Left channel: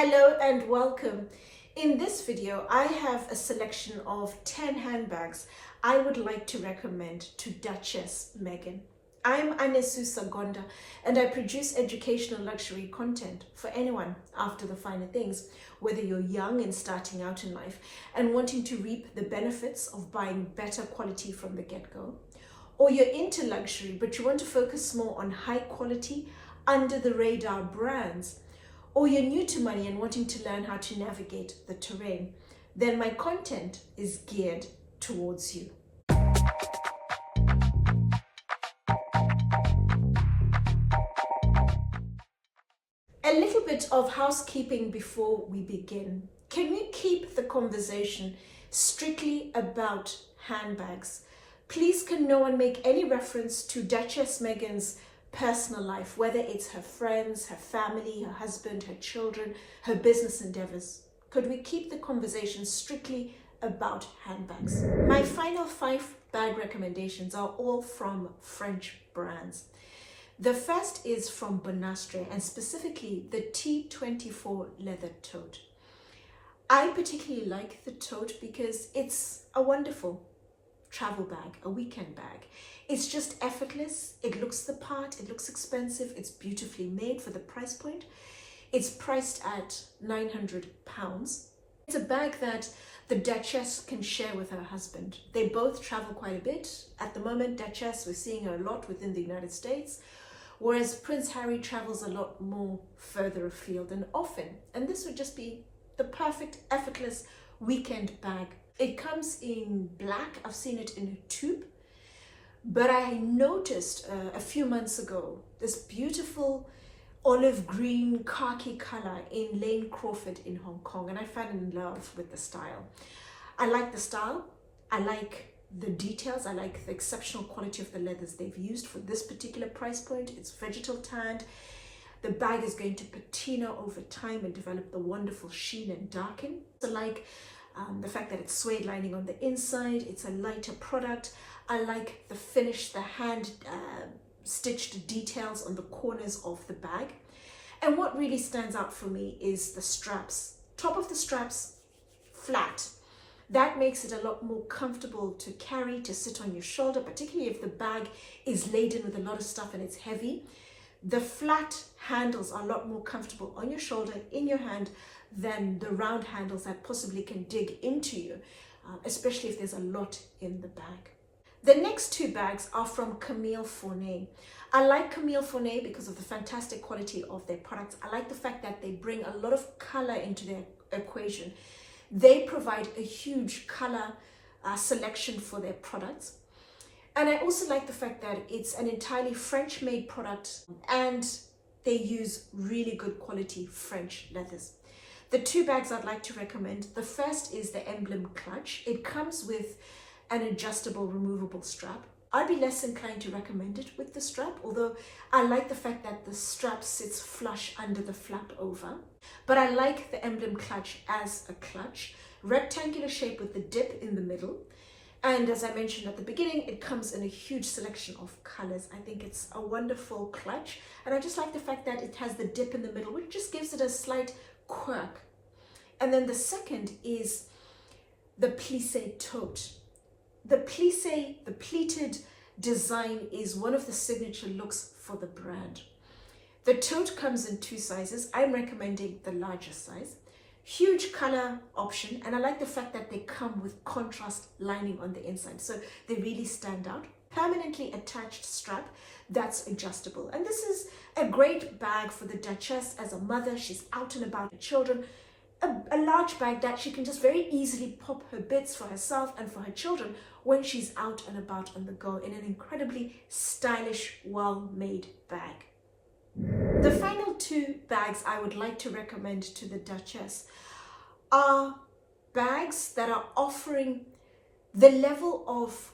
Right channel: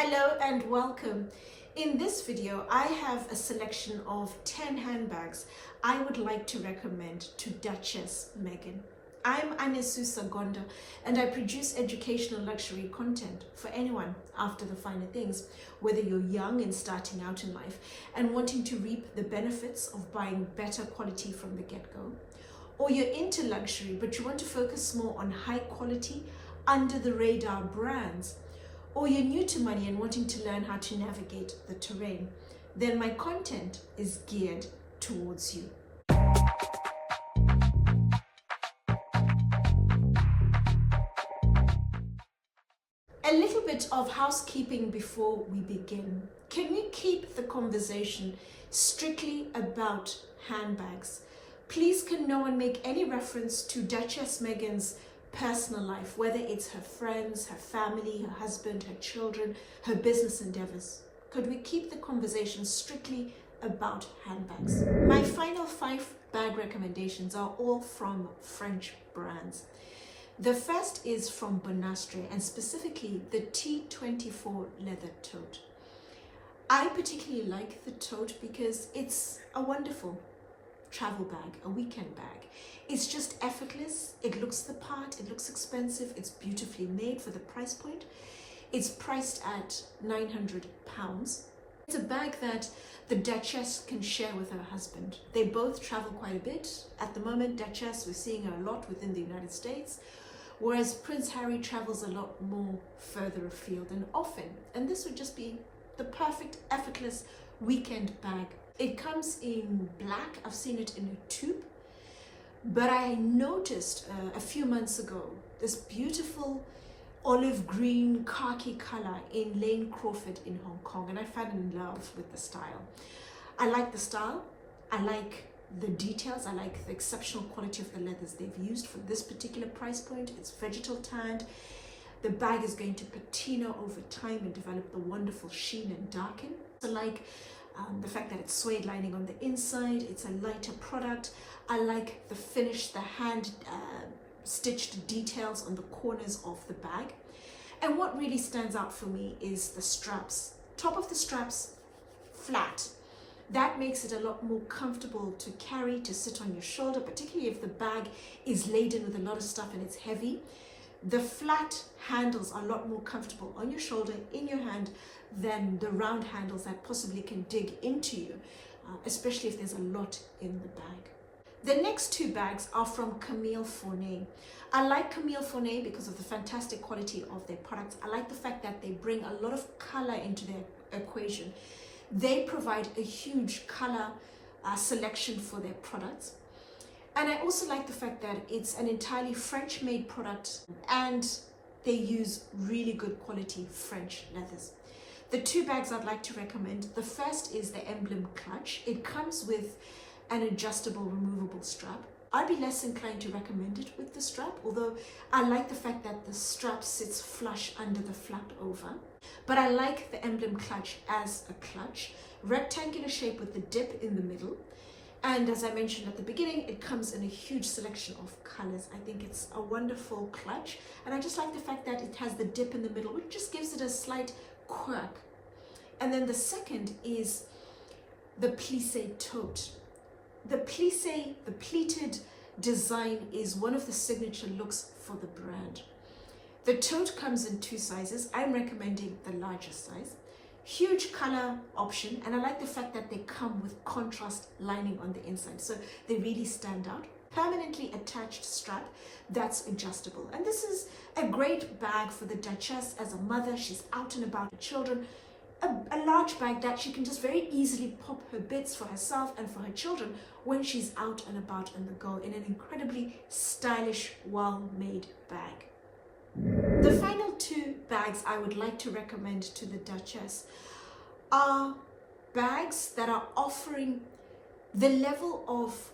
Hello and welcome. In this video, I have a selection of 10 handbags I would like to recommend to Duchess Meghan. I'm Anesu Sagonda and I produce educational luxury content for anyone after the finer things, whether you're young and starting out in life and wanting to reap the benefits of buying better quality from the get-go, or you're into luxury but you want to focus more on high quality, under the radar brands, or you're new to money and wanting to learn how to navigate the terrain, then my content is geared towards you. A little bit of housekeeping before we begin. Can we keep the conversation strictly about handbags? Please, can no one make any reference to Duchess Meghan's personal life, whether it's her friends, her family, her husband, her children, her business endeavors. Could we keep the conversation strictly about handbags? My final 5 bag recommendations are all from French brands. The first is from Bonastre, and specifically the T24 leather tote. I particularly like the tote because it's a wonderful travel bag, a weekend bag. It's just effortless, it looks the part, it looks expensive, it's beautifully made for the price point. It's priced at £900. It's a bag that the Duchess can share with her husband. They both travel quite a bit. At the moment, Duchess, we're seeing her a lot within the United States, whereas Prince Harry travels a lot more further afield and often. And this would just be the perfect, effortless weekend bag. It comes in black. I've seen it in a tube, but I noticed a few months ago this beautiful olive green khaki color in Lane Crawford in Hong Kong, and I fell in love with the style. I like the style, I like the details, I like the exceptional quality of the leathers they've used for this particular price point. It's vegetal tanned. The bag is going to patina over time and develop the wonderful sheen and darken. So like the fact that it's suede lining on the inside, it's a lighter product. I like the finish, the hand stitched details on the corners of the bag. And what really stands out for me is the straps. Top of the straps, flat. That makes it a lot more comfortable to carry, to sit on your shoulder, particularly if the bag is laden with a lot of stuff and it's heavy. The flat handles are a lot more comfortable on your shoulder, in your hand, than the round handles that possibly can dig into you, especially if there's a lot in the bag. The next 2 bags are from Camille Fournet. I like Camille Fournet because of the fantastic quality of their products. I like the fact that they bring a lot of color into their equation. They provide a huge color selection for their products. And I also like the fact that it's an entirely French-made product and they use really good quality French leathers. The 2 bags I'd like to recommend, the first is the Emblem Clutch. It comes with an adjustable, removable strap. I'd be less inclined to recommend it with the strap, although I like the fact that the strap sits flush under the flap over. But I like the Emblem Clutch as a clutch, rectangular shape with the dip in the middle. And as I mentioned at the beginning, it comes in a huge selection of colors. I think it's a wonderful clutch. And I just like the fact that it has the dip in the middle, which just gives it a slight quirk. And then the second is the plissé tote. The plissé, the pleated design, is one of the signature looks for the brand. The tote comes in 2 sizes. I'm recommending the larger size. Huge color option, and I like the fact that they come with contrast lining on the inside, so they really stand out. Permanently attached strap that's adjustable, and this is a great bag for the Duchess as a mother. She's out and about with children. A large bag that she can just very easily pop her bits for herself and for her children when she's out and about on the go, in an incredibly stylish, well-made bag. The final 2 bags I would like to recommend to the Duchess are bags that are offering the level of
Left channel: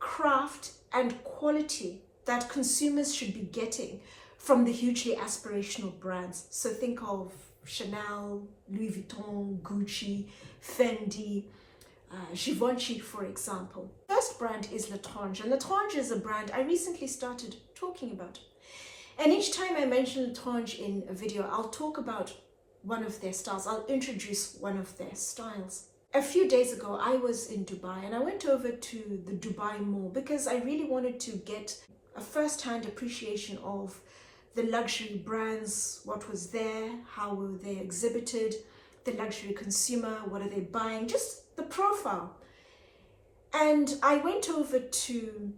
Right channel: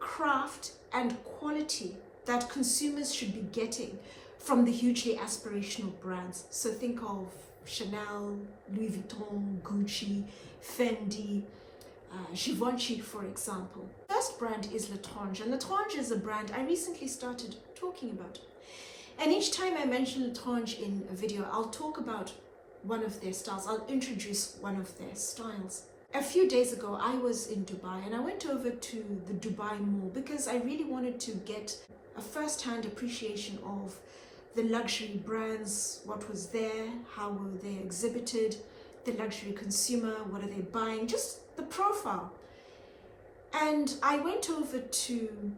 craft and quality that consumers should be getting from the hugely aspirational brands. So think of Chanel, Louis Vuitton, Gucci, Fendi, Givenchy, for example. First brand is Létrange, and Létrange is a brand I recently started talking about. And each time I mention Létrange in a video, I'll talk about one of their styles. I'll introduce one of their styles. A few days ago, I was in Dubai and I went over to the Dubai Mall because I really wanted to get a first-hand appreciation of the luxury brands, what was there, how were they exhibited, the luxury consumer, what are they buying, just the profile. And I went over to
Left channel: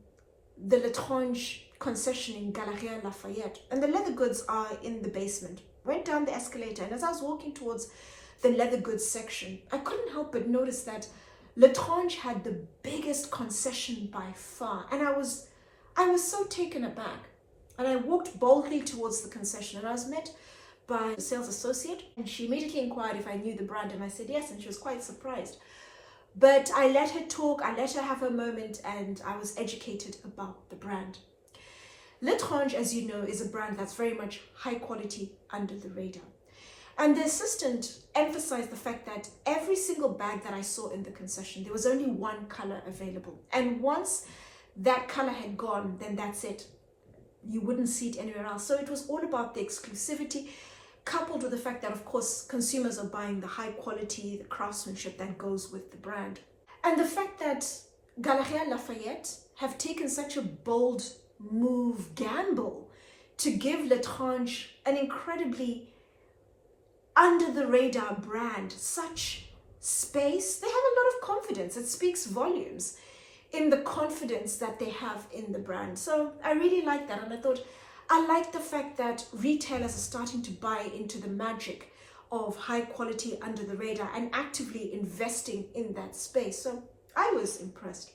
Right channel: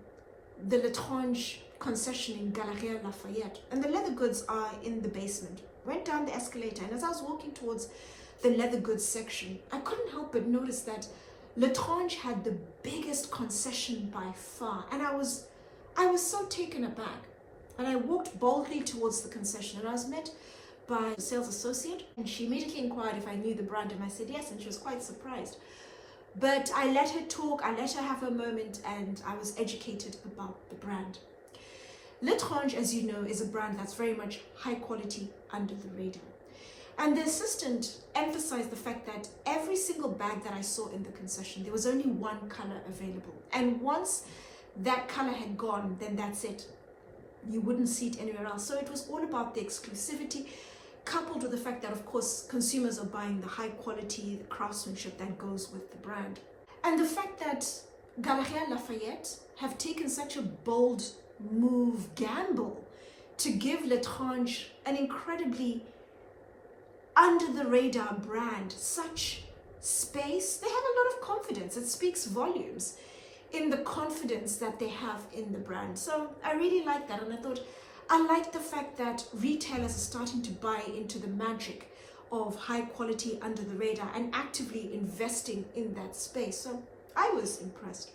the Létrange concession in Galeria Lafayette, and the leather goods are in the basement. Went down the escalator, and as I was walking towards the leather goods section, I couldn't help but notice that Létrange had the biggest concession by far, and I was so taken aback. And I walked boldly towards the concession, and I was met by a sales associate, and she immediately inquired if I knew the brand, and I said yes, and she was quite surprised. But I let her talk, I let her have her moment, and I was educated about the brand. Létrange, as you know, is a brand that's very much high quality, under the radar. And the assistant emphasized the fact that every single bag that I saw in the concession, there was only one color available. And once that color had gone, then that's it. You wouldn't see it anywhere else. So it was all about the exclusivity, coupled with the fact that, of course, consumers are buying the high quality, the craftsmanship that goes with the brand. And the fact that Galeria Lafayette have taken such a bold gamble to give Létrange an incredibly under the radar brand such space. They have a lot of confidence. It speaks volumes in the confidence that they have in the brand. So I really like that, and I thought I like the fact that retailers are starting to buy into the magic of high quality, under the radar, and actively investing in that space. So I was impressed.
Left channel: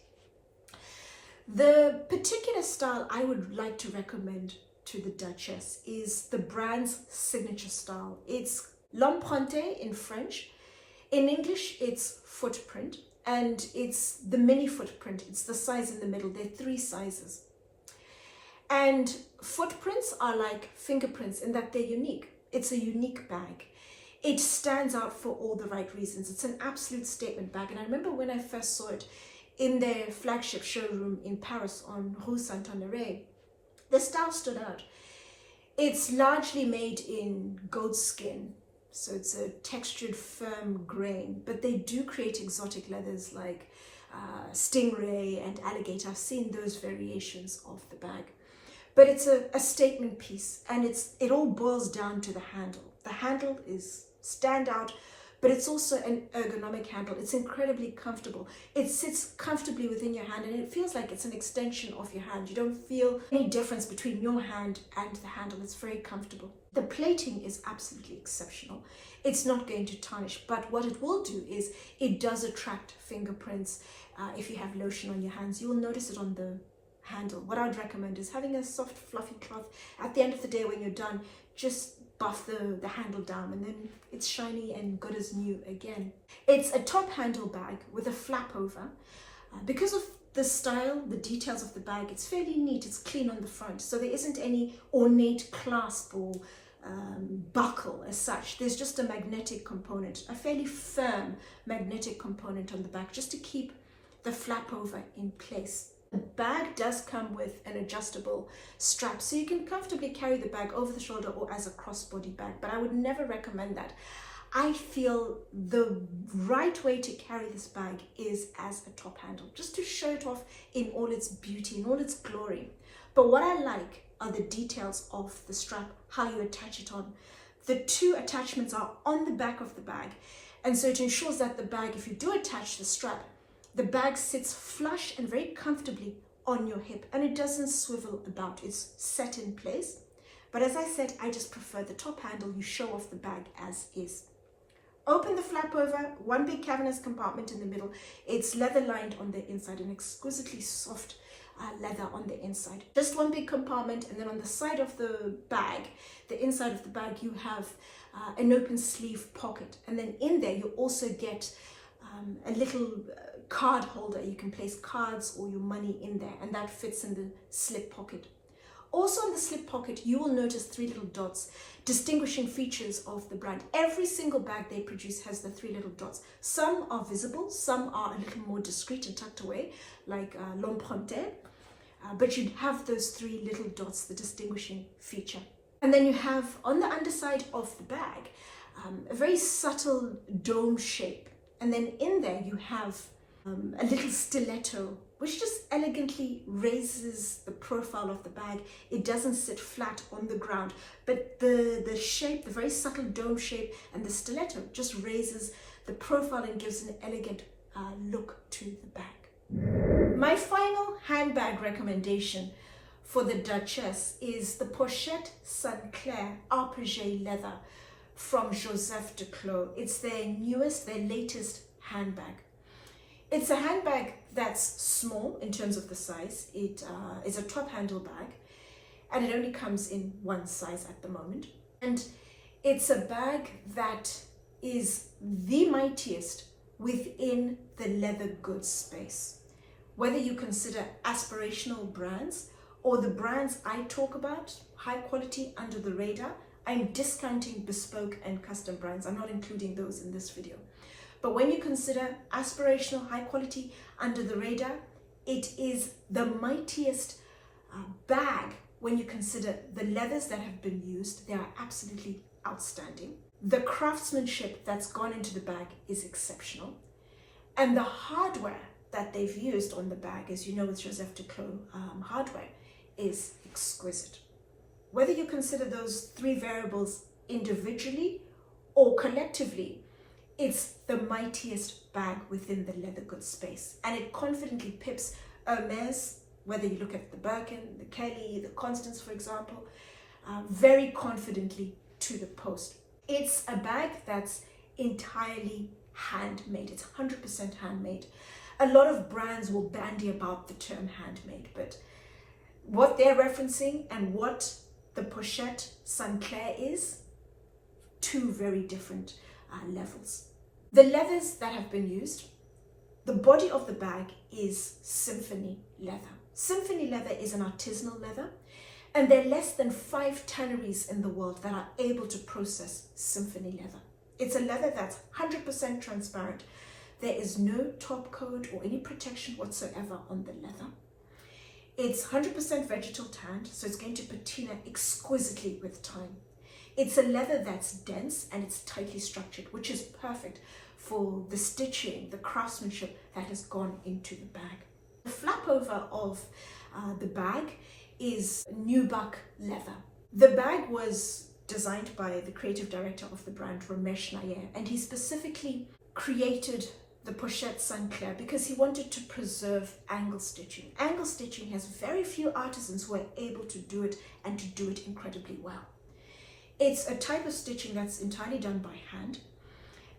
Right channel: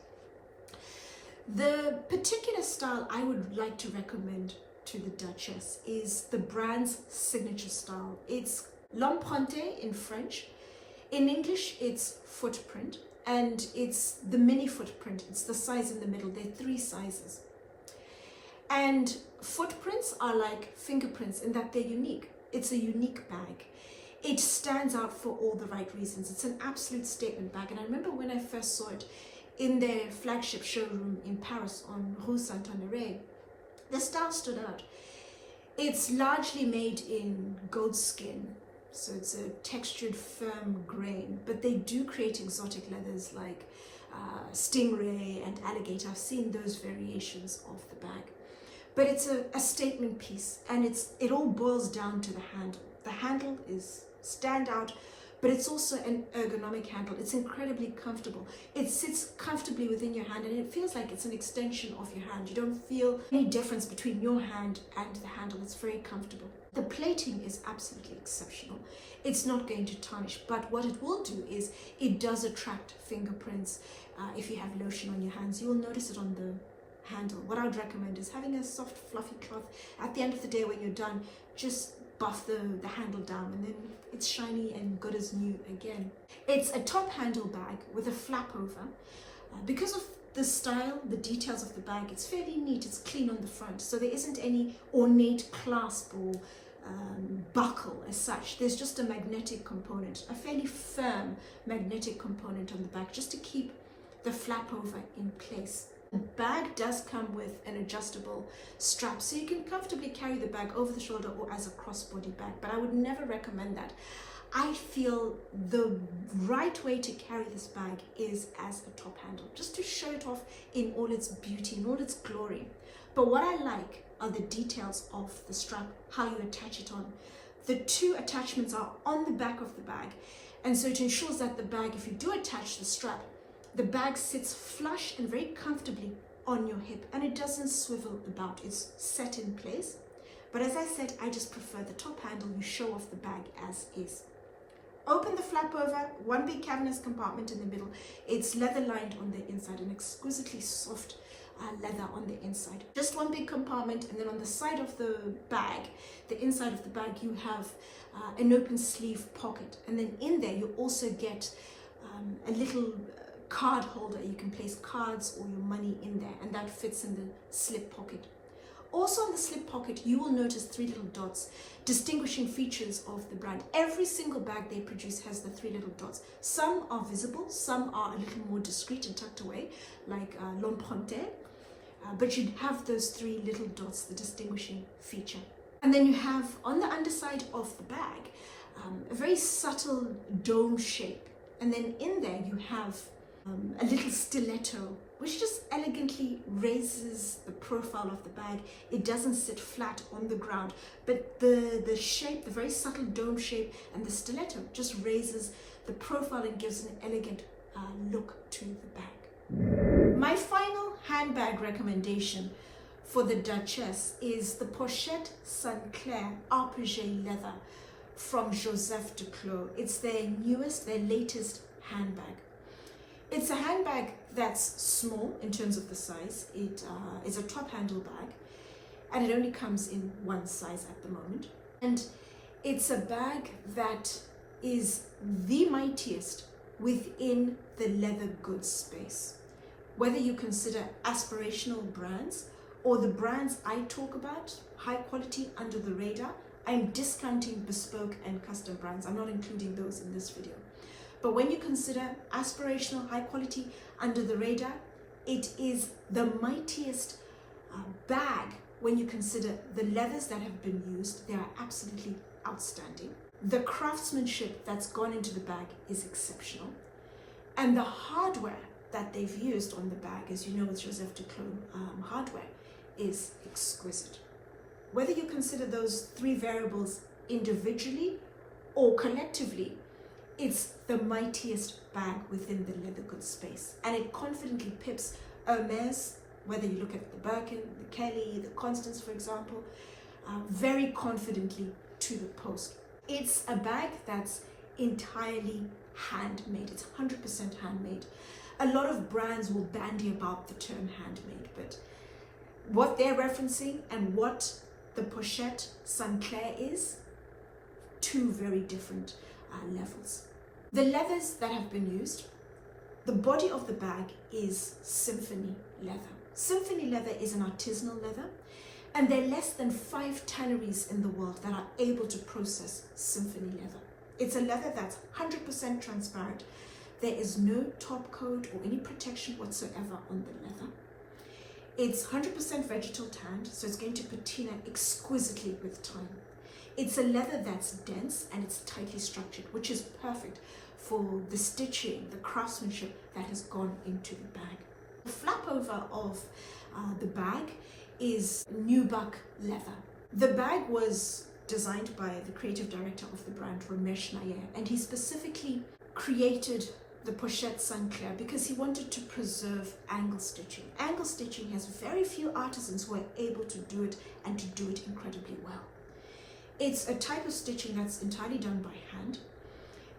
The particular style I would like to recommend to the Duchess is the brand's signature style. It's l'emprunté in French. In English, it's footprint, and it's the mini footprint. It's the size in the middle. There are 3 sizes. And footprints are like fingerprints in that they're unique. It's a unique bag. It stands out for all the right reasons. It's an absolute statement bag. And I remember when I first saw it in their flagship showroom in Paris on Rue Saint-Honoré, the style stood out. It's largely made in goat skin, so it's a textured, firm grain, but they do create exotic leathers like stingray and alligator. I've seen those variations of the bag. But it's a statement piece, and it all boils down to the handle. The handle is standout, but it's also an ergonomic handle. It's incredibly comfortable. It sits comfortably within your hand, and it feels like it's an extension of your hand. You don't feel any difference between your hand and the handle. It's very comfortable. The plating is absolutely exceptional. It's not going to tarnish, but what it will do is it does attract fingerprints. If you have lotion on your hands, you will notice it on the handle. What I'd recommend is having a soft, fluffy cloth. At the end of the day, when you're done, just buff the handle down, and then it's shiny and good as new again. It's a top handle bag with a flap over. Because of the style, the details of the bag, it's fairly neat. It's clean on the front, so there isn't any ornate clasp or buckle as such. There's just a magnetic component, a fairly firm magnetic component on the back, just to keep the flap over in place. The bag does come with an adjustable strap, so you can comfortably carry the bag over the shoulder or as a crossbody bag, but I would never recommend that. I feel the right way to carry this bag is as a top handle, just to show it off in all its beauty, in all its glory. But what I like are the details of the strap, how you attach it on. The 2 attachments are on the back of the bag, and so it ensures that the bag, if you do attach the strap, the bag sits flush and very comfortably on your hip, and it doesn't swivel about. It's set in place. But as I said, I just prefer the top handle. You show off the bag as is. Open the flap over, 1 big cavernous compartment in the middle. It's leather lined on the inside, an exquisitely soft leather on the inside. Just 1 big compartment, and then on the side of the bag, the inside of the bag, you have an open sleeve pocket. And then in there, you also get a little card holder. You can place cards or your money in there, and that fits in the slip pocket. Also on the slip pocket, you will notice 3 little dots, distinguishing features of the brand. Every single bag they produce has the 3 little dots. Some are visible, some are a little more discreet and tucked away, like l'emprunté, but you have those 3 little dots, the distinguishing feature. And then you have on the underside of the bag a very subtle dome shape. And then in there you have a little stiletto, which just elegantly raises the profile of the bag. It doesn't sit flat on the ground, but the shape, the very subtle dome shape, and the stiletto just raises the profile and gives an elegant look to the bag. My final handbag recommendation for the Duchess is the Pochette Saint-Clair Arpegé leather from Joseph Duclos. It's their newest, their latest handbag. It's a handbag that's small in terms of the size. It is a top handle bag, and it only comes in one size at the moment. And it's a bag that is the mightiest within the leather goods space. Whether you consider aspirational brands or the brands I talk about, high quality, under the radar, I'm discounting bespoke and custom brands. I'm not including those in this video. But when you consider aspirational, high quality, under the radar, it is the mightiest bag when you consider the leathers that have been used. They are absolutely outstanding. The craftsmanship that's gone into the bag is exceptional. And the hardware that they've used on the bag, as you know with Joseph Duclos hardware, is exquisite. Whether you consider those three variables individually or collectively, it's the mightiest bag within the leather goods space. And it confidently pips Hermes, whether you look at the Birkin, the Kelly, the Constance, for example, very confidently to the post. It's a bag that's entirely handmade. It's 100% handmade. A lot of brands will bandy about the term handmade, but what they're referencing and what the Pochette Saint-Clair is, two very different levels. The leathers that have been used, the body of the bag is symphony leather. Symphony leather is an artisanal leather, and there are less than 5 tanneries in the world that are able to process symphony leather. It's a leather that's 100% transparent. There is no top coat or any protection whatsoever on the leather. It's 100% vegetal tanned, so it's going to patina exquisitely with time. It's a leather that's dense and it's tightly structured, which is perfect for the stitching, the craftsmanship that has gone into the bag. The flap over of the bag is nubuck leather. The bag was designed by the creative director of the brand, Ramesh Nair, and he specifically created the Pochette Saint-Clair because he wanted to preserve angle stitching. Angle stitching has very few artisans who are able to do it and to do it incredibly well. It's a type of stitching that's entirely done by hand,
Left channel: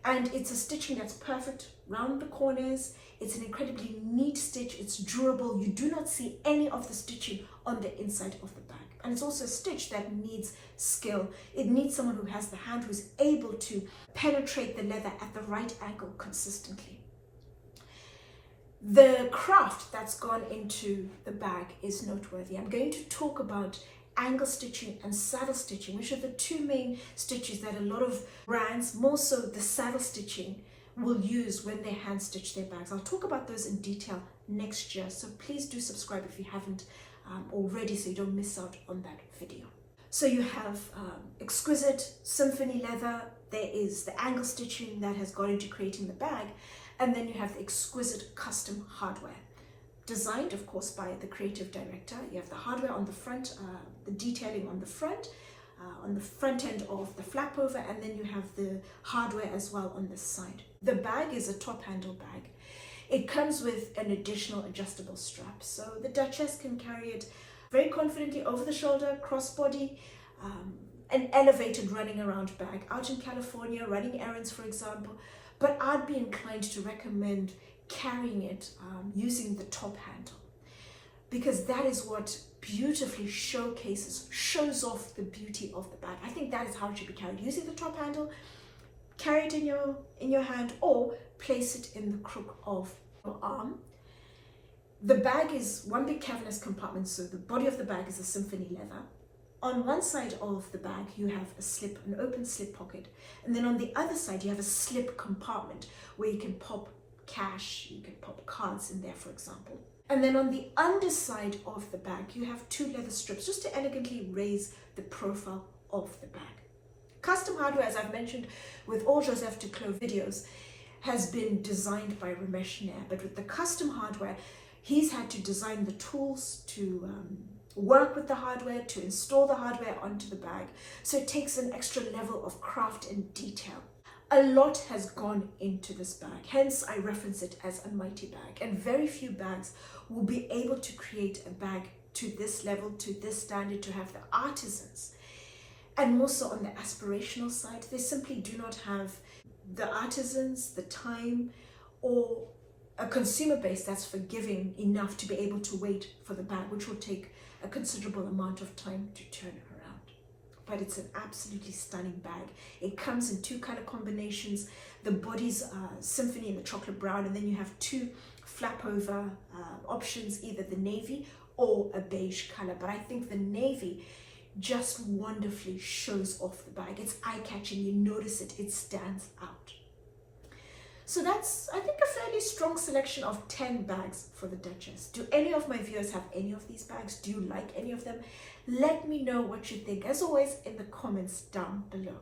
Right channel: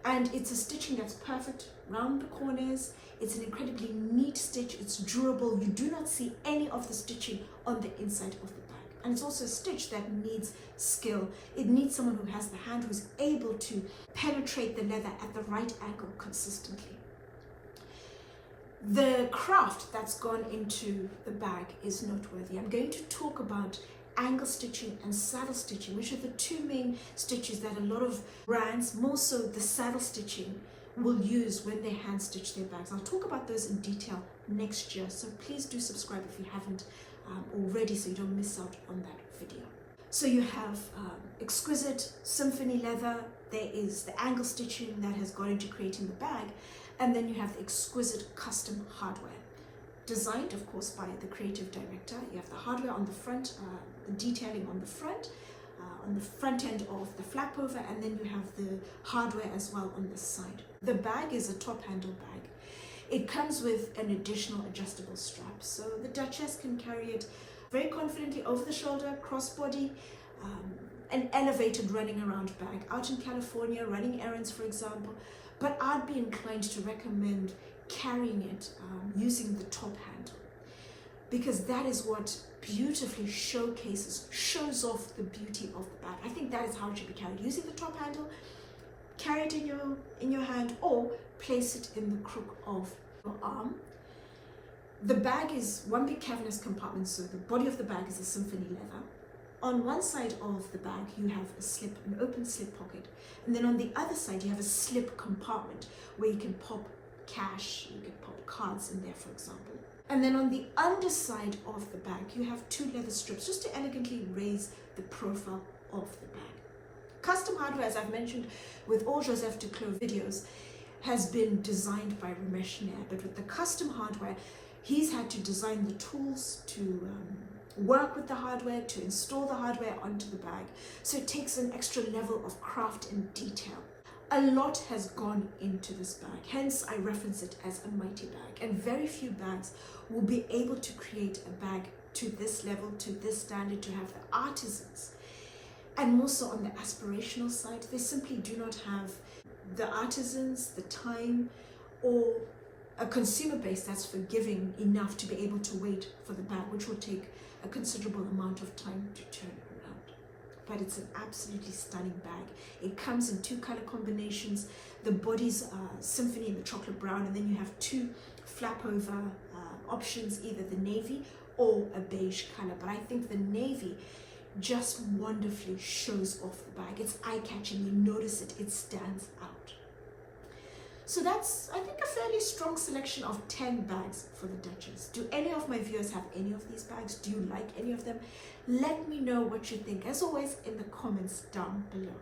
and it's a stitching that's perfect round the corners. It's an incredibly neat stitch. It's durable. You do not see any of the stitching on the inside of the bag. And it's also a stitch that needs skill. It needs someone who has the hand, who's able to penetrate the leather at the right angle consistently. The craft that's gone into the bag is noteworthy. I'm going to talk about angle stitching and saddle stitching, which are the two main stitches that a lot of brands, more so the saddle stitching, will use when they hand stitch their bags. I'll talk about those in detail next year, so please do subscribe if you haven't already, so you don't miss out on that video. So you have exquisite symphony leather, there is the angle stitching that has gone into creating the bag, and then you have the exquisite custom hardware, designed of course by the creative director. You have the hardware on the front, the detailing on the front end of the flap over, and then you have the hardware as well on this side. The bag is a top handle bag. It comes with an additional adjustable strap, so the Duchess can carry it very confidently over the shoulder, crossbody, an elevated running around bag out in California, running errands for example, but I'd be inclined to recommend carrying it using the top handle, because that is what beautifully shows off the beauty of the bag. I think that is how it should be carried, using the top handle. Carry it in your hand or place it in the crook of your arm. The bag is one big cavernous compartment, so the body of the bag is a symphony leather. On one side of the bag you have an open slip pocket, and then on the other side you have a slip compartment where you can pop cash, you can pop cards in there for example. And then on the underside of the bag you have 2 leather strips just to elegantly raise the profile of the bag. Custom hardware, as I've mentioned with all Joseph Duclos videos, has been designed by Ramesh Nair, but with the custom hardware, he's had to design the tools to work with the hardware, to install the hardware onto the bag. So it takes an extra level of craft and detail. A lot has gone into this bag, hence I reference it as a mighty bag, and very few bags will be able to create a bag to this level, to this standard, to have the artisans. And more so on the aspirational side, they simply do not have the artisans, the time, or a consumer base that's forgiving enough to be able to wait for the bag, which will take a considerable amount of time to turn around. But it's an absolutely stunning bag. It comes in 2 color combinations. The body's symphony in the chocolate brown, and then you have 2 flap over options, either the navy or a beige color. But I think the navy just wonderfully shows off the bag. It's eye-catching, you notice it, it stands out. So that's, I think, a fairly strong selection of 10 bags for the Duchess. Do any of my viewers have any of these bags? Do you like any of them? Let me know what you think, as always, in the comments down below.